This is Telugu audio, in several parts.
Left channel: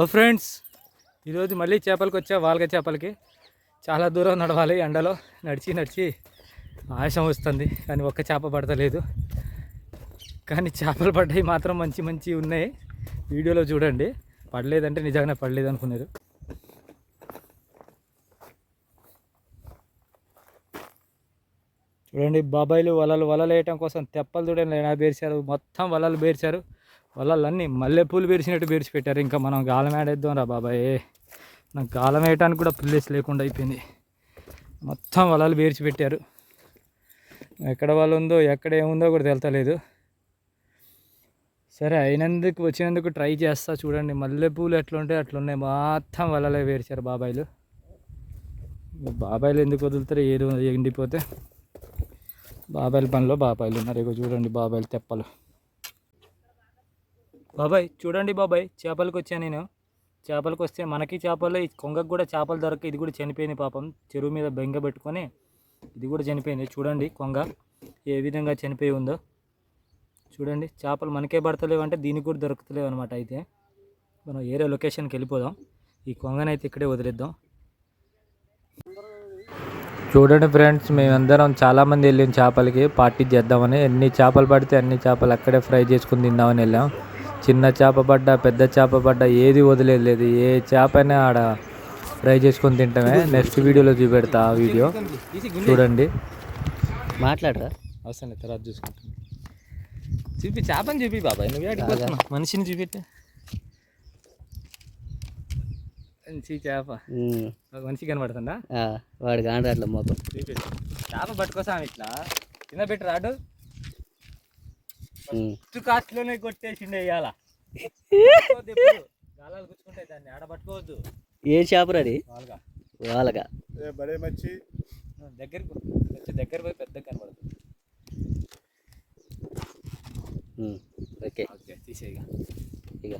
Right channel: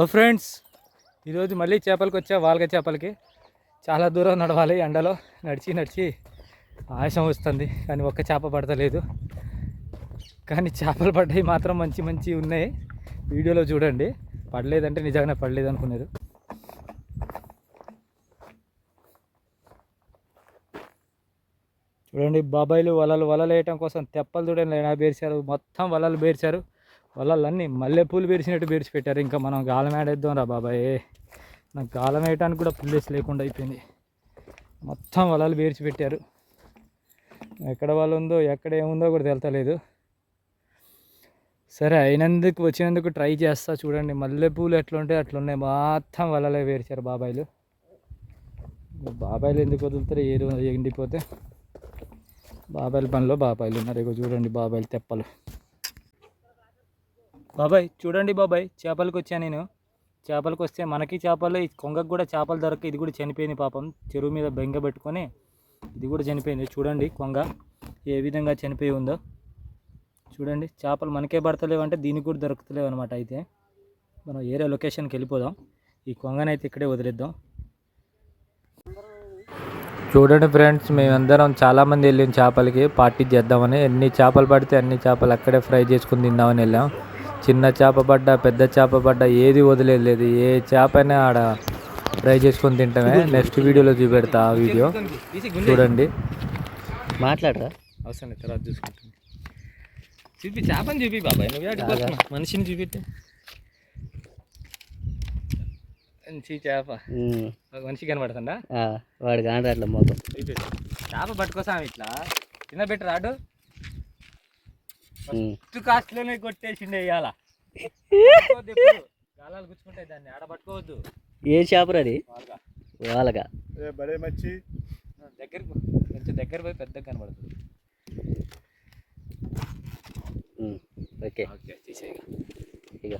హలో ఫ్రెండ్స్, ఈరోజు మళ్ళీ చేపలకి వచ్చా. వాల్గ చేపలకి చాలా దూరం నడవాలి. ఎండలో నడిచి నడిచి ఆయాసం వస్తుంది, కానీ ఒక్క చేప పడతలేదు. కానీ చేపలు పడ్డాయి మాత్రం మంచి మంచి ఉన్నాయి. వీడియోలో చూడండి. పడలేదంటే నిజంగానే పడలేదు అనుకున్నారు. చూడండి, బాబాయిలు వలలు వేయటం కోసం తెప్పలు చూడండి ఎలా పేర్చారు. మొత్తం వలలు పేర్చారు. వలలన్నీ మల్లెపూలు పేర్చినట్టు పేర్చి పెట్టారు. ఇంకా మనం గాలం వేద్దాం రా బాబాయ్. నాకు గాలం వేయడానికి కూడా ప్లేస్ లేకుండా అయిపోయింది. మొత్తం వలలు పేర్చి పెట్టారు. ఎక్కడ వాళ్ళు ఉందో ఎక్కడ ఏముందో కూడా తెలుతలేదు. సరే, అయినందుకు వచ్చినందుకు ట్రై చేస్తా. చూడండి, మల్లెపూలు ఎట్లుంటే అట్లున్నాయి. మొత్తం వలలే పేర్చారు బాబాయిలు. బాబాయిలు ఎందుకు వదులుతారు? ఏదో ఎండిపోతే. బాబాయిల పనిలో బాబాయిలు ఉన్నారు. ఇక చూడండి బాబాయిలు తెప్పలు. బాబాయ్ చూడండి బాబాయ్, చేపలకు వచ్చాను నేను. చేపలకు వస్తే మనకి చేపలు, ఈ కొంగకు కూడా చేపలు దొరక ఇది కూడా చనిపోయింది పాపం. చెరువు మీద బెంగ పెట్టుకొని ఇది కూడా చనిపోయింది. చూడండి కొంగ ఏ విధంగా చనిపోయి ఉందో. చూడండి, చేపలు మనకే పడతలేవు అంటే దీనికి కూడా దొరుకుతలేవు అనమాట. అయితే మనం ఏరే లొకేషన్కి వెళ్ళిపోదాం. ఈ కొంగనైతే ఇక్కడే వదిలేద్దాం. చూడండి ఫ్రెండ్స్, మేమందరం చాలామంది వెళ్ళాం చేపలకి పార్టీ చేద్దామని. ఎన్ని చేపలు పడితే అన్ని చేపలు అక్కడే ఫ్రై చేసుకుని తిందామని వెళ్ళాం. చిన్న చేప పడ్డా పెద్ద చేప పడ్డా ఏది వదిలేదు. ఏ చేపనే ఆడ ఫ్రై చేసుకొని తింటామే. నెక్స్ట్ వీడియోలో చూపెడతా. ఆ వీడియో చూడండి. మాట్లాడరా అవసరం లేదు, తర్వాత చూసుకుంటాను. చూపి చేపని చూపి బాబాయ్. నువ్వు మనిషిని చూపితే మంచి చేప మనిషి కనబడుతుందా? వాడు కాండి అట్లా మొత్తం చేప పట్టుకోసాం. ఇట్లా కింద పెట్టి రాడు. ఫస్ట్ కాస్ట్లోనే కొట్టేసిండే ఇవాళ. గాలాలు గుచ్చుకుంటాయి, దాన్ని ఆడ పట్టుకోవద్దు. ఏ చేప అది? వాళ్ళగా దగ్గరికి కొంచెం దగ్గర పోయి పెద్దగా కనబడుతుంది. ఓకే ఓకే, తీసేయి ఇక.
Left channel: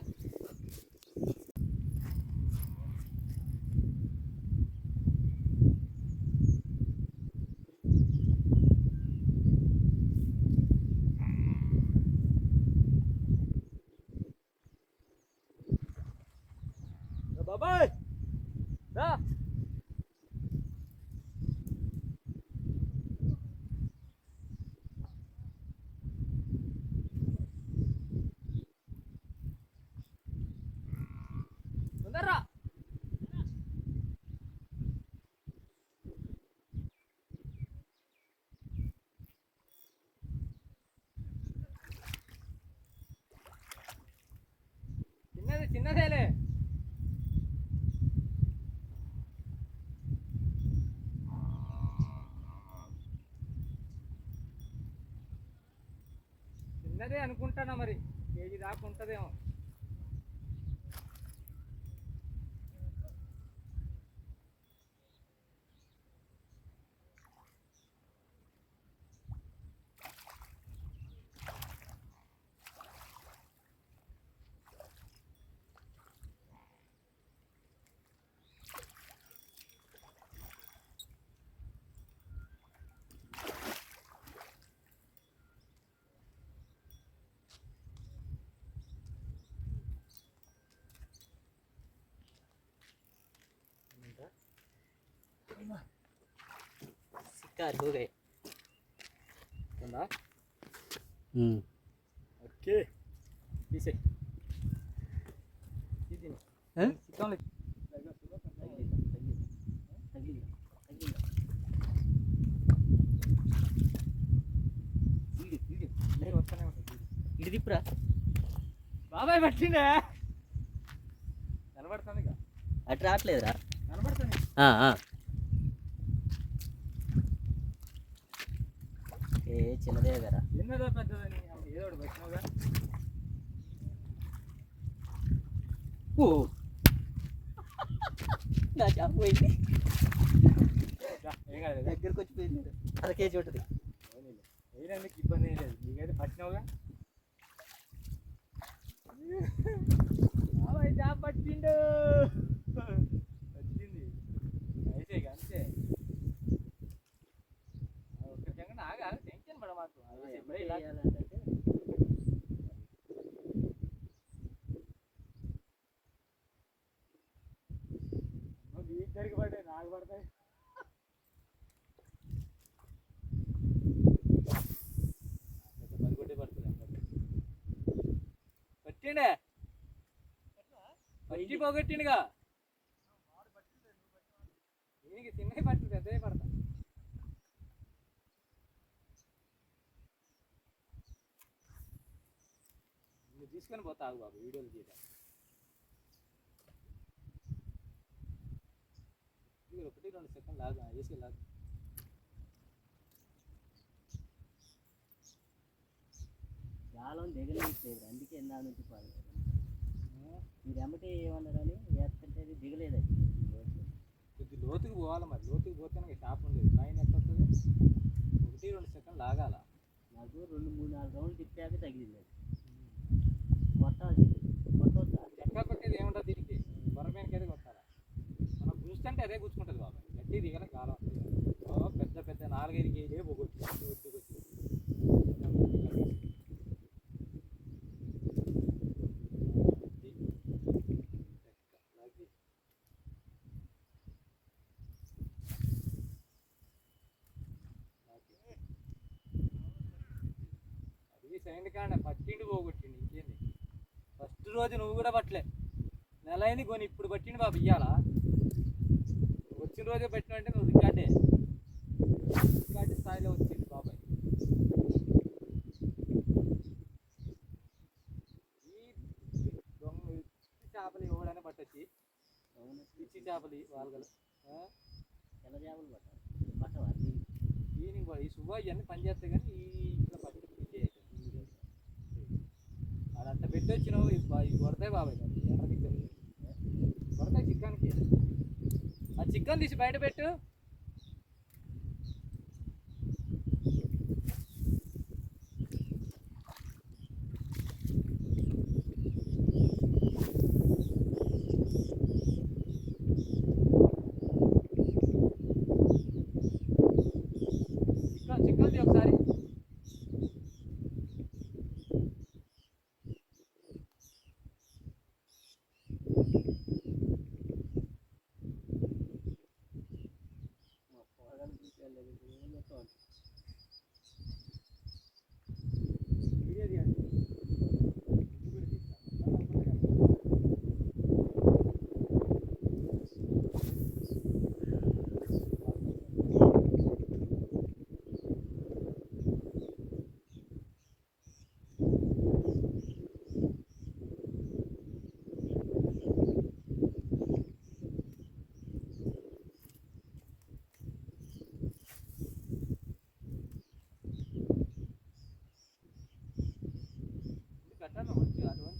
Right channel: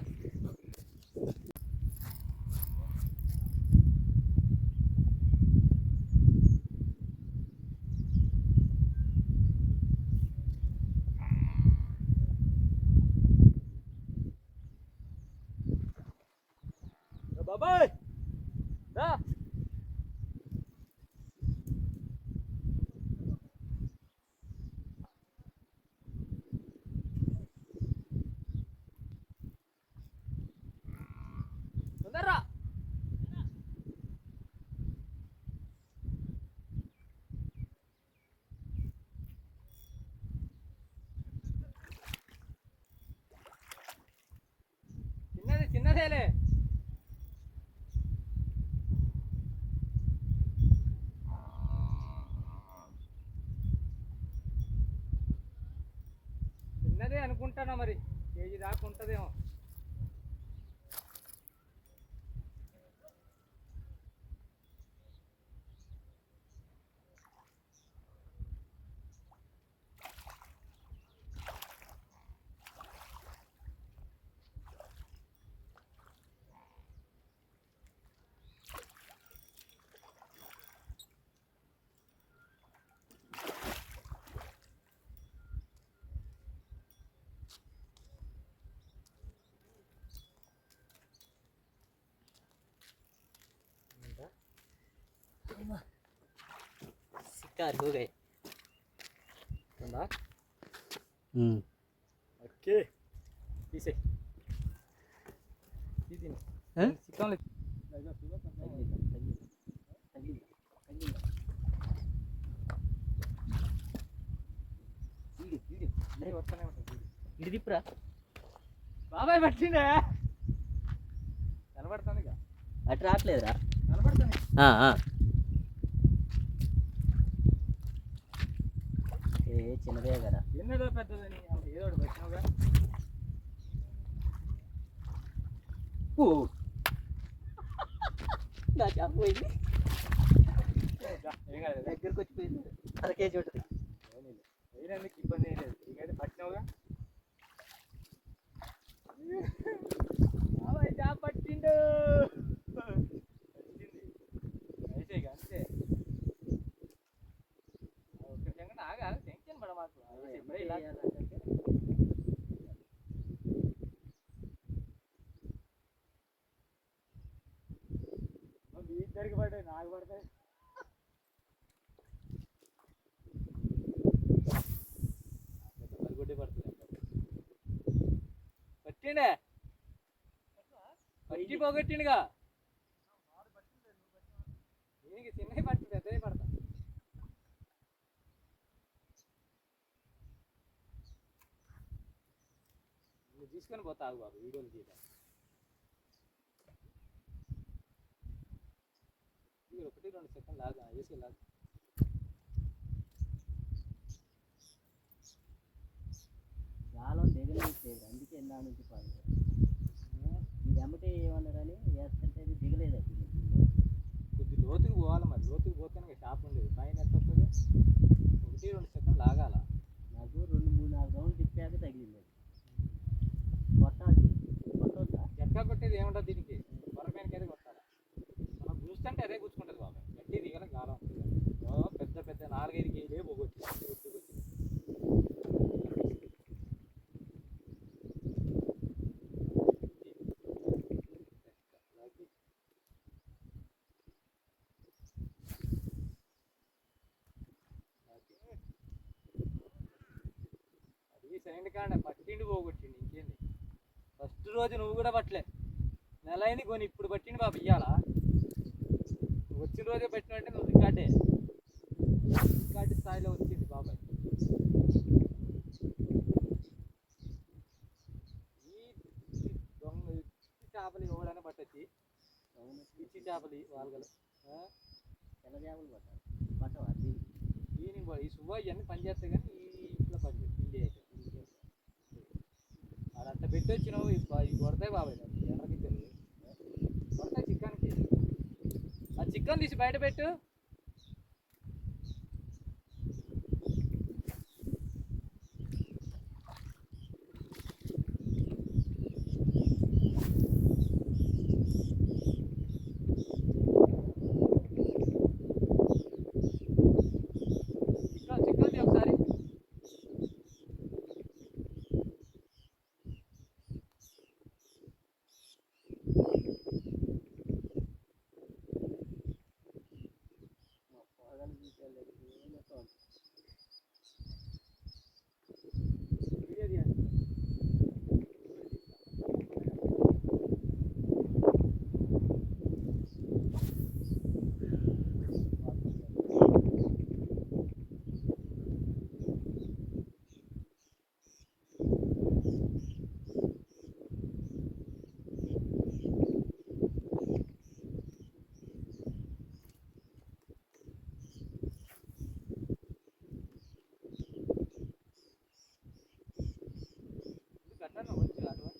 బాబాయ్ దా. తొందరరా. చిన్నదేలే. చిన్నదే అనుకుంటానా, మరి కేజీ దాకా ఉంటుందేమో. शिकार हो गए। ओके, पीछे ఇది దిప్పురా బాబాయ్. పట్టిండే కనబడుతుంది. అటు రావట్లేదురా? కనబడుతుంది. చిన్నదే కదా. చిన్నదో పెద్దదని ఏదో ఒకటి పెట్టినావుగా. నా చేప పోయింది. దగ్గరికి వచ్చిపోయింది. అర కేజీ ఉంటుంది. వేయడానికి ఇబ్బంది ఏం లేదు. నీకైతే పట్టినావుగా. బాబాయ్ చేప పట్టిండు. వచ్చింది అయితే ఇక అంతే. ఆగా టెన్షన్ పడ మాకు. ఇలా పట్టిండే పట్టి పోగొట్టిండుగా దీనికి చిన్నవి పట్టి పెద్దవి పడతా నువ్వు తీసుకొని పోతా ఆగు బాబు వీడియోలు తీయటం ఇది 1-2 సెకండ్ లాగా వేసి లాగా గాలం దిగలేదు అందుకే ఎందా నుంచి పాలు మీరు అమ్మటే ఏమన్నా కానీ వేస్తుంటే అది దిగలేదు అది కొద్ది లోతుకు పోవాలి మరి లోతుకు పోతేనే షాప్ ఉండేది పైన ఎంత వస్తుంది 1-2 సెకండ్ లాగాల నాకు 2-3-4 రౌండ్లు తిప్పాక తగిలింది అది కొట్టాలి కొట్టవద్దా ఎట్లా కొట్టేది ఏముంటుంది దీనికి పొరమేనకి అయితే కొట్టాలా మనం గుంచుతుంటే అదే గుచ్చుకుంటుంది బాబాయ్ గట్టి దిగల గాలం పెద్ద పెద్ద 4-5 కేజీలే పోగొచ్చు సెకండ్ కాండ పట్టిండి పోగొట్టిండి ఇంకేంది ఫస్ట్ రోజు నువ్వు కూడా పట్టలే నెల అయింది కొని ఇప్పుడు పట్టిండి బాబు ఇయ్యాలా వచ్చిన రోజే పట్టినంటే నువ్వు రికార్డే స్థాయిలో వచ్చింది బాబాయ్ ఈ దొంగ చేపలు ఎవడైనా పట్టొచ్చి పిచ్చి చేపలు వాళ్ళగలు తెల్ల చేపలు పట్టాలి పట్టవా ఈయన ఈ సుబ్బా ఇవన్నీ పనిచేస్తాయి కానీ ఈ ఇట్లా పట్టి పిండి అయితే అదంతా పెట్టి వచ్చినావు ఇవి కొడతాయి బాబాయ్ ఎర్ర గిద్దలు కొడతాయి చికెన్కి ఆ చికెన్ తీసి బయట పెట్టు చికెన్ ఒకసారి కట్టాను వచ్చి అటువంటి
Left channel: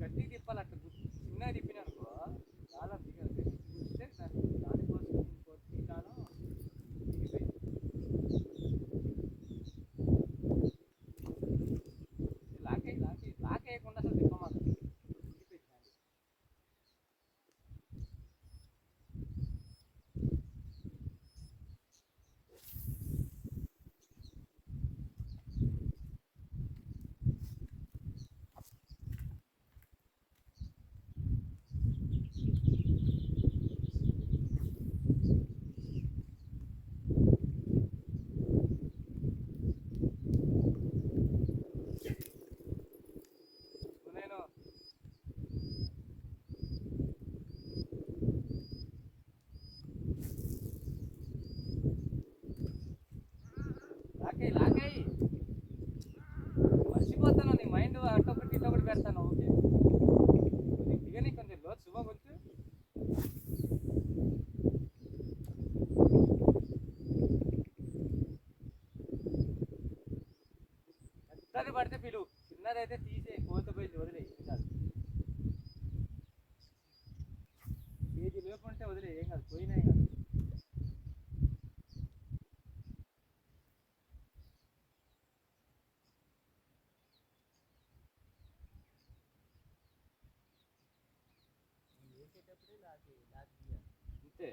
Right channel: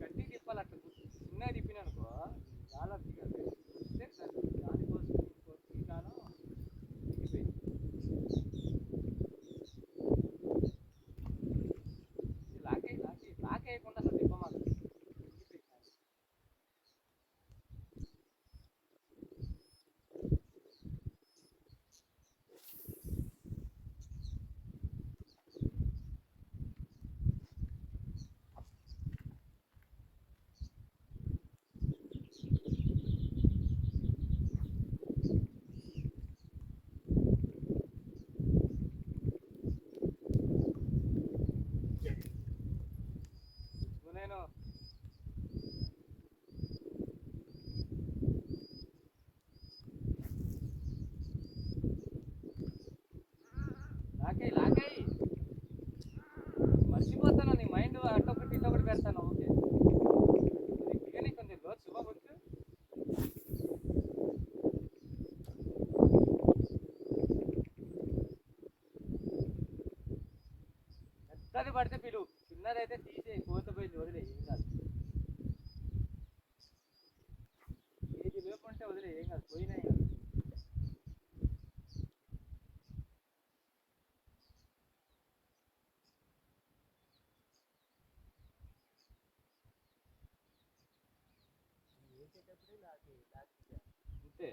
గట్టి తిప్పాలి అట్లా చిన్నగా తిప్పినా అనుకో చాలా దిగదు దానికోసం ఇంకో కాలం దిగిపోయింది లాక్ వేయకుండా అసలు తిప్పమాకు నేను లాకాయి మర్చిపోతాను నీ మైండ్ అటొకటి ఇటొకటి పెడతాను ఓకే దిగని కొంచెం లోతు శుభవచ్చు పెద్దది పడితే పిలు చిన్నదైతే తీసే కోత పోయి వదిలే ఏం కాదు కేజీ లోపు ఉంటే వదిలే ఏం కాదు పోయినా కాదు అంతే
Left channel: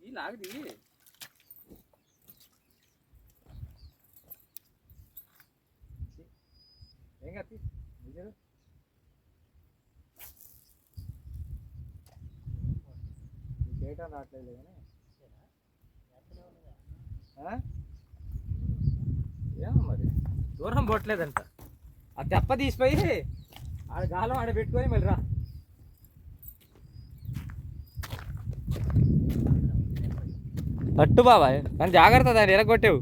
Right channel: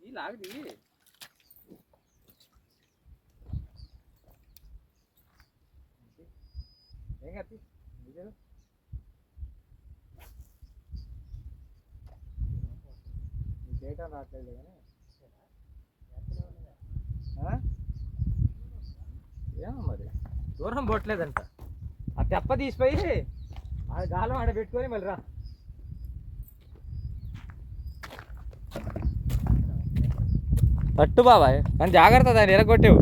ఈ లాగది ఏం కత్తి చేయటం రావట్లేదు కానీ ఏమో మరి దూరం పోవట్లేదంట ఆ తెప్ప తీసిపోయి ఆడ గాలం ఆడ పెట్టుకొని మళ్ళీ రా పట్టు బాబాయ్ కానీ జాగ్రత్త దాన్ని ఎరగొట్టేవు